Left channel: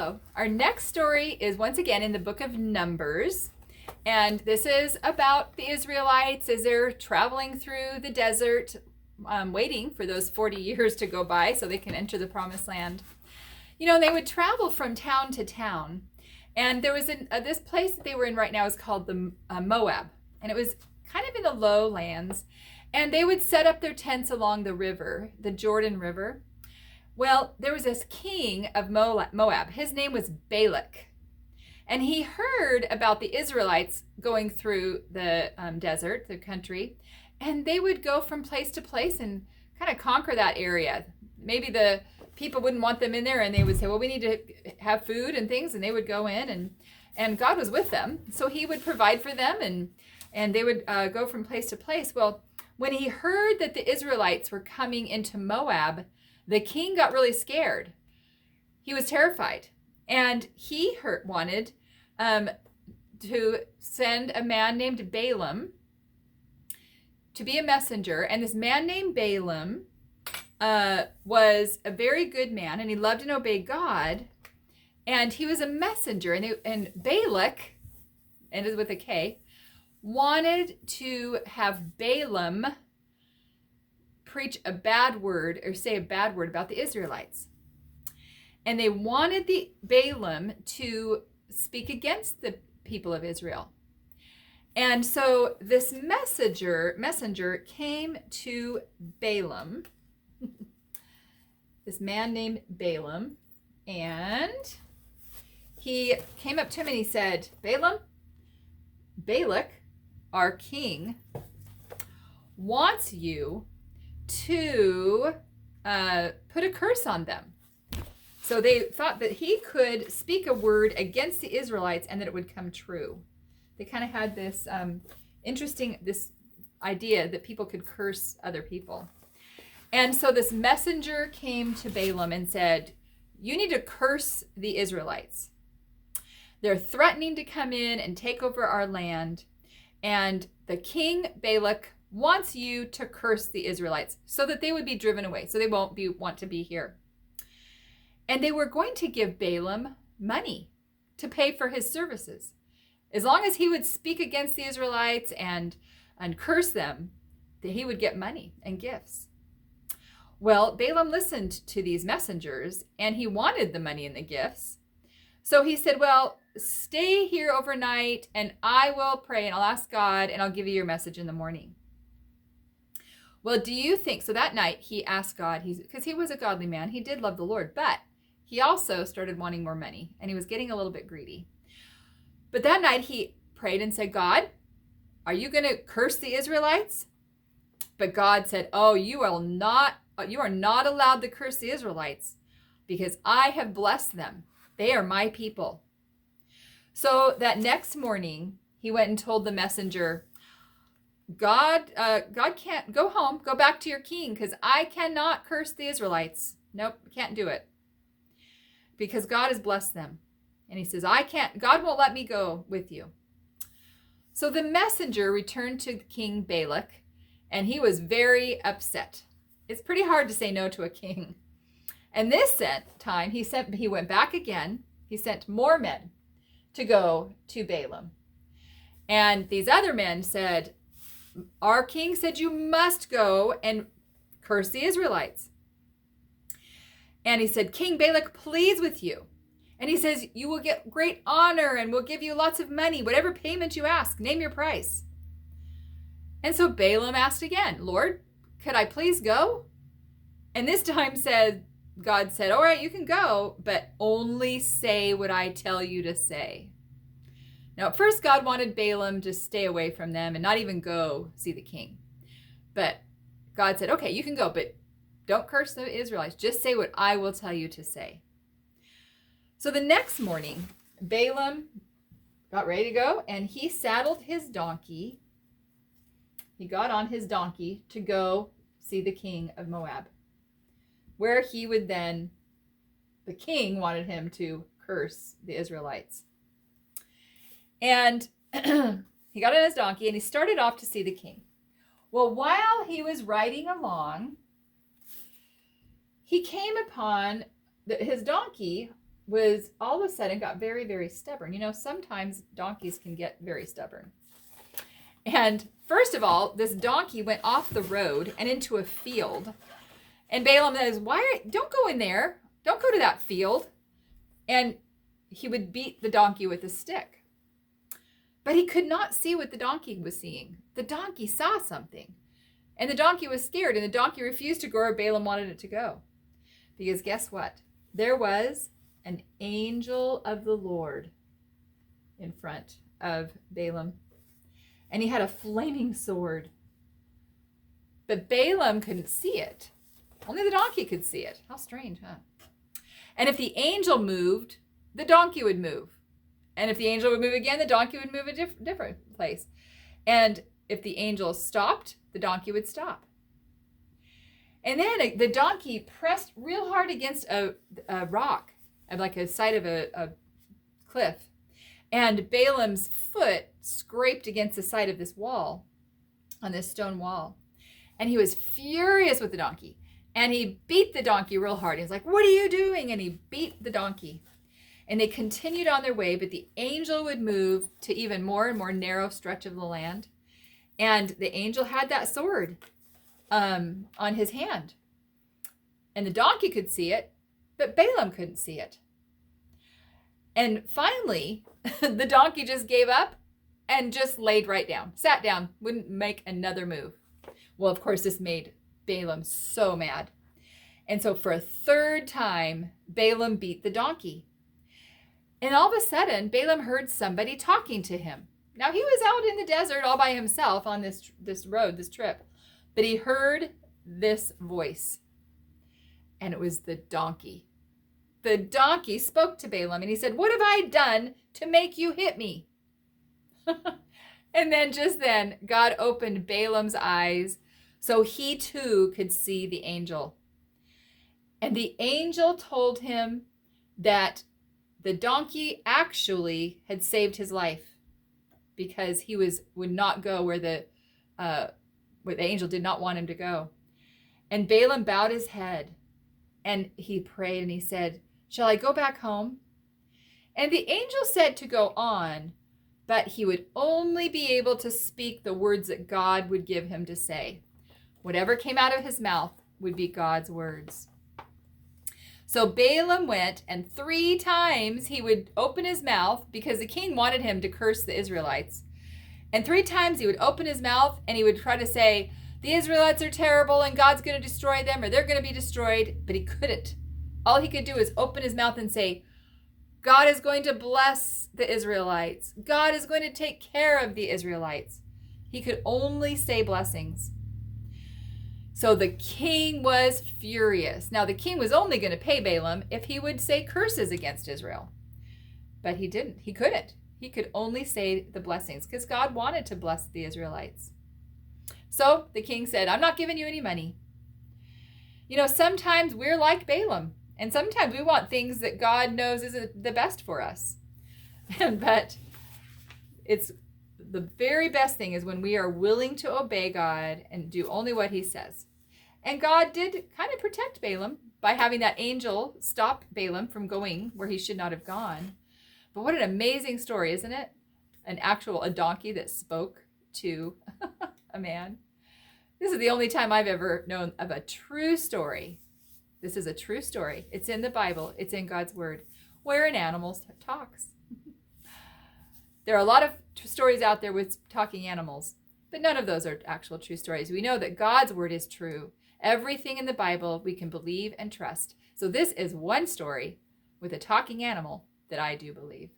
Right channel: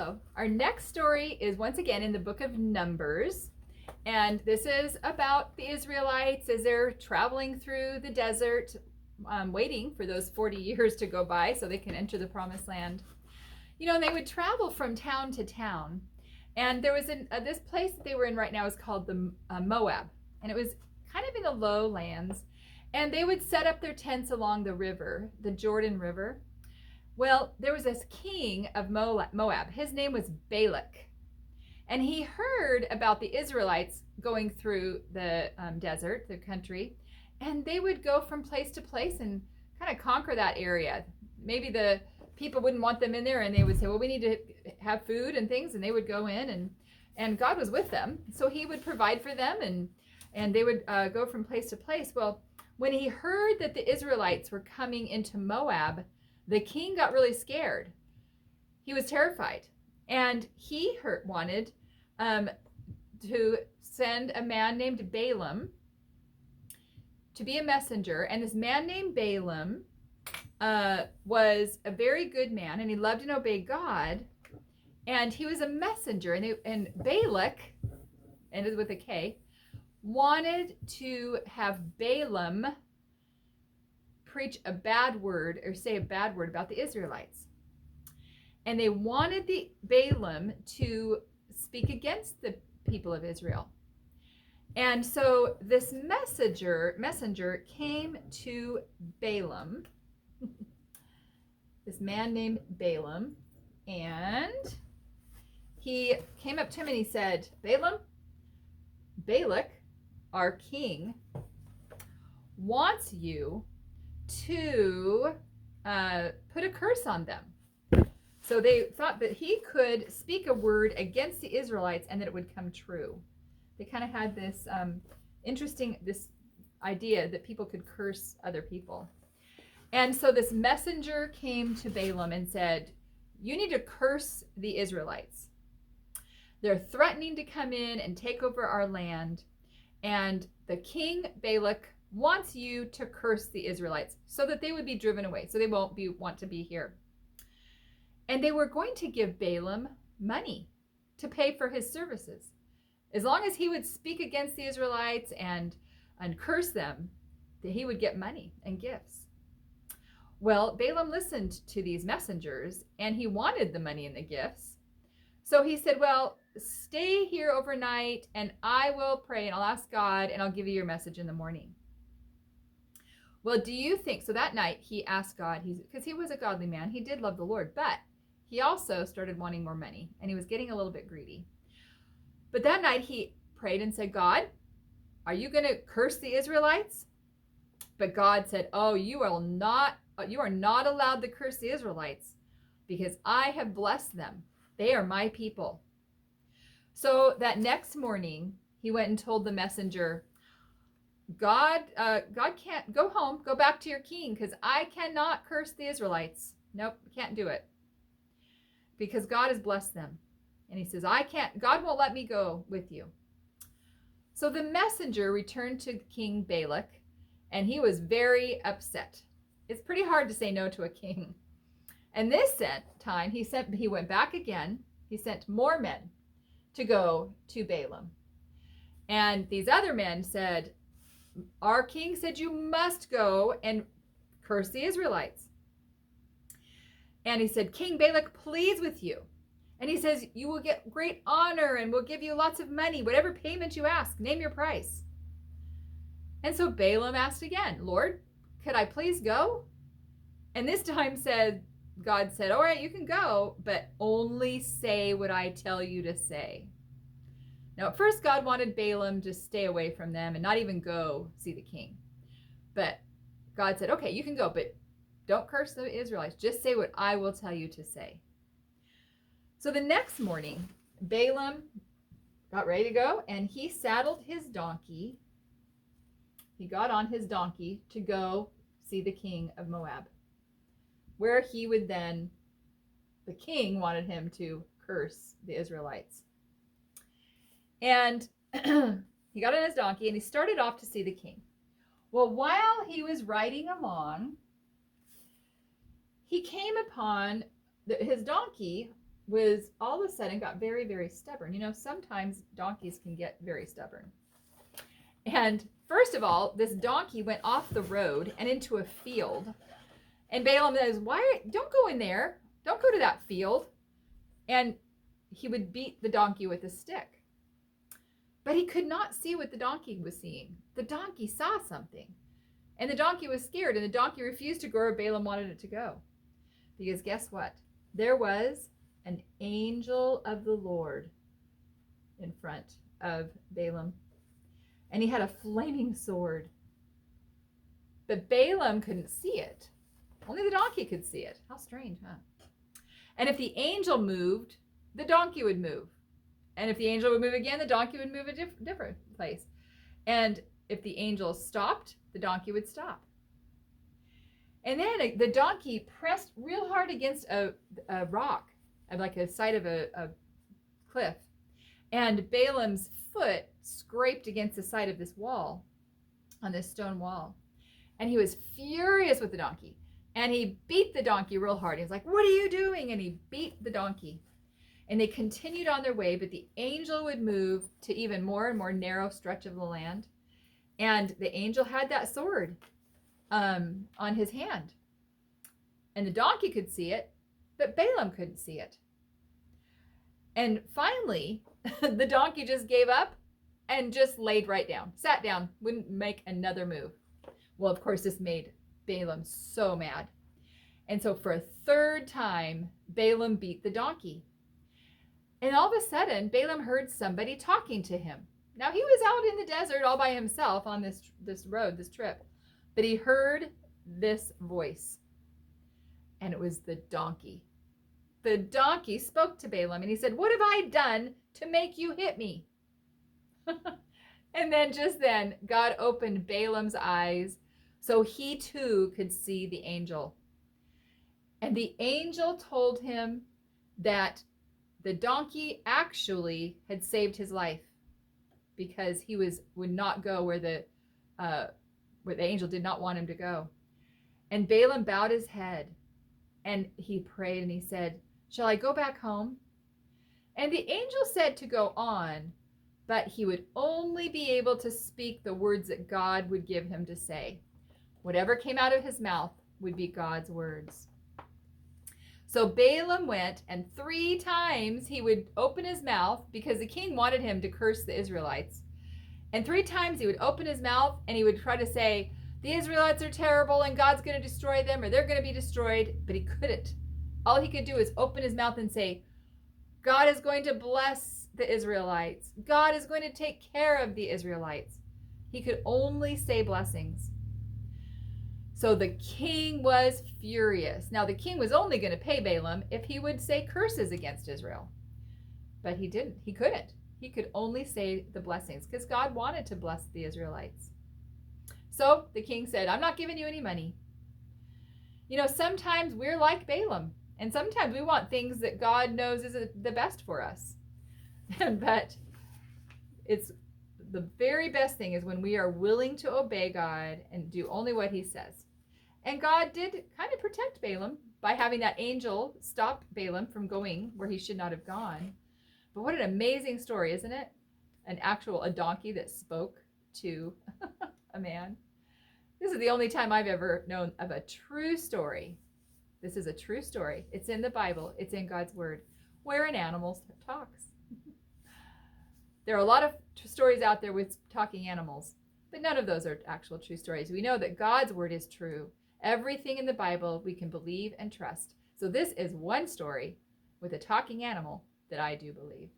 Hello. Our next story is once again in the book of Numbers. And this is about the Israelites as they're traveling through the desert, waiting for those 40 years to go by so they can enter the promised land. You know, they would travel from town to town. And there was this place that they were in right now is called the Moab. And it was kind of in the lowlands. And they would set up their tents along the river, the Jordan River. Well, there was this king of Moab. His name was Balak. And he heard about the Israelites going through the desert, the country. And they would go from place to place and kind of conquer that area. Maybe the people wouldn't want them in there, and they would say, well, we need to have food and things. And they would go in, and God was with them. So he would provide for them, and they would go from place to place. Well, when he heard that the Israelites were coming into Moab, the king got really scared. He was terrified. And he wanted to send a man named Baalam to be a messenger. And this man named Baalam was a very good man, and he loved and obeyed God. And he was a messenger. And Balak, ended with a K, wanted to have Balaam preach a bad word or say a bad word about the Israelites. And they wanted the Balaam to speak against the people of Israel. And so this messenger came to Balaam, this man named Balaam, and he came up to him and he said, Balaam, Balak, our king, wants you to put a curse on them. So they thought that he could speak a word against the Israelites and that it would come true. They kind of had this this idea that people could curse other people. And so this messenger came to Balaam and said, you need to curse the Israelites. They're threatening to come in and take over our land. And the king Balak wants you to curse the Israelites so that they would be driven away, so they won't want to be here. And they were going to give Balaam money to pay for his services. As long as he would speak against the Israelites and curse them, that he would get money and gifts. Well, Balaam listened to these messengers, and he wanted the money and the gifts. So he said, well, stay here overnight, and I will pray, and I'll ask God, and I'll give you your message in the morning. Well, do you think, so that night he asked God, because he was a godly man, he did love the Lord, but he also started wanting more money, and he was getting a little bit greedy. But that night he prayed and said, God, are you going to curse the Israelites? But God said, oh, you are not allowed to curse the Israelites, because I have blessed them. They are my people. So that next morning, he went and told the messenger, God can't, go home, go back to your king, because I cannot curse the Israelites. Nope, can't do it. Because God has blessed them. And he says, God won't let me go with you. So the messenger returned to King Balak, and he was very upset. It's pretty hard to say no to a king. And this time, he went back again. He sent more men to go to Balaam. And these other men said, our king said you must go and curse the Israelites. And he said, King Balak pleads with you. And he says, you will get great honor, and we'll give you lots of money, whatever payment you ask, name your price. And so Balaam asked again, Lord, could I please go? And this time God said, all right, you can go, but only say what I tell you to say. Now, at first, God wanted Balaam to stay away from them and not even go see the king. But God said, okay, you can go, but don't curse the Israelites. Just say what I will tell you to say. So the next morning, Balaam got ready to go, and he saddled his donkey. He got on his donkey to go see the king of Moab, where he would then, the king wanted him to curse the Israelites. And he got on his donkey and he started off to see the king. Well, while he was riding along, he came upon his donkey was all of a sudden got very, very stubborn. You know, sometimes donkeys can get very stubborn. And first of all, this donkey went off the road and into a field. And Balaam says, don't go in there. Don't go to that field. And he would beat the donkey with a stick. But he could not see what the donkey was seeing. The donkey saw something. And the donkey was scared, and the donkey refused to go where Balaam wanted it to go. Because guess what? There was an angel of the Lord in front of Balaam. And he had a flaming sword. But Balaam couldn't see it. Only the donkey could see it. How strange, huh? And if the angel moved, the donkey would move. And if the angel would move again, the donkey would move a different place. And if the angel stopped, the donkey would stop. And then the donkey pressed real hard against a rock, like a side of a cliff. And Balaam's foot scraped against the side of this wall, on this stone wall. And he was furious with the donkey. And he beat the donkey real hard. He's like, "What are you doing?" And he beat the donkey. And they continued on their way, but the angel would move to even more and more narrow stretch of the land. And the angel had that sword on his hand. And the donkey could see it, but Balaam couldn't see it. And finally, the donkey just gave up and just laid right down, sat down, wouldn't make another move. Well, of course, this made Balaam so mad. And so for a third time, Balaam beat the donkey. And all of a sudden, Balaam heard somebody talking to him. Now, he was out in the desert all by himself on this road, this trip. But he heard this voice. And it was the donkey. The donkey spoke to Balaam and he said, "What have I done to make you hit me?" And then just then, God opened Balaam's eyes so he too could see the angel. And the angel told him that the donkey actually had saved his life because he would not go where the angel did not want him to go. And Balaam bowed his head and he prayed and he said, "Shall I go back home?" And the angel said to go on, but he would only be able to speak the words that God would give him to say. Whatever came out of his mouth would be God's words. So Balaam went, and 3 times he would open his mouth because the king wanted him to curse the Israelites. And 3 times he would open his mouth and he would try to say, "The Israelites are terrible and God's going to destroy them, or they're going to be destroyed." But he couldn't. All he could do is open his mouth and say, "God is going to bless the Israelites. God is going to take care of the Israelites." He could only say blessings. So the king was furious. Now, the king was only going to pay Balaam if he would say curses against Israel. But he didn't. He couldn't. He could only say the blessings because God wanted to bless the Israelites. So the king said, "I'm not giving you any money." You know, sometimes we're like Balaam, and sometimes we want things that God knows isn't the best for us. But it's the very best thing is when we are willing to obey God and do only what he says. And God did kind of protect Balaam by having that angel stop Balaam from going where he should not have gone. But what an amazing story, isn't it? A donkey that spoke to a man. This is the only time I've ever known of a true story. This is a true story. It's in the Bible. It's in God's word where an animal talks. There are a lot of stories out there with talking animals, but none of those are actual true stories. We know that God's word is true. Everything in the Bible we can believe and trust. So this is one story with a talking animal that I do believe.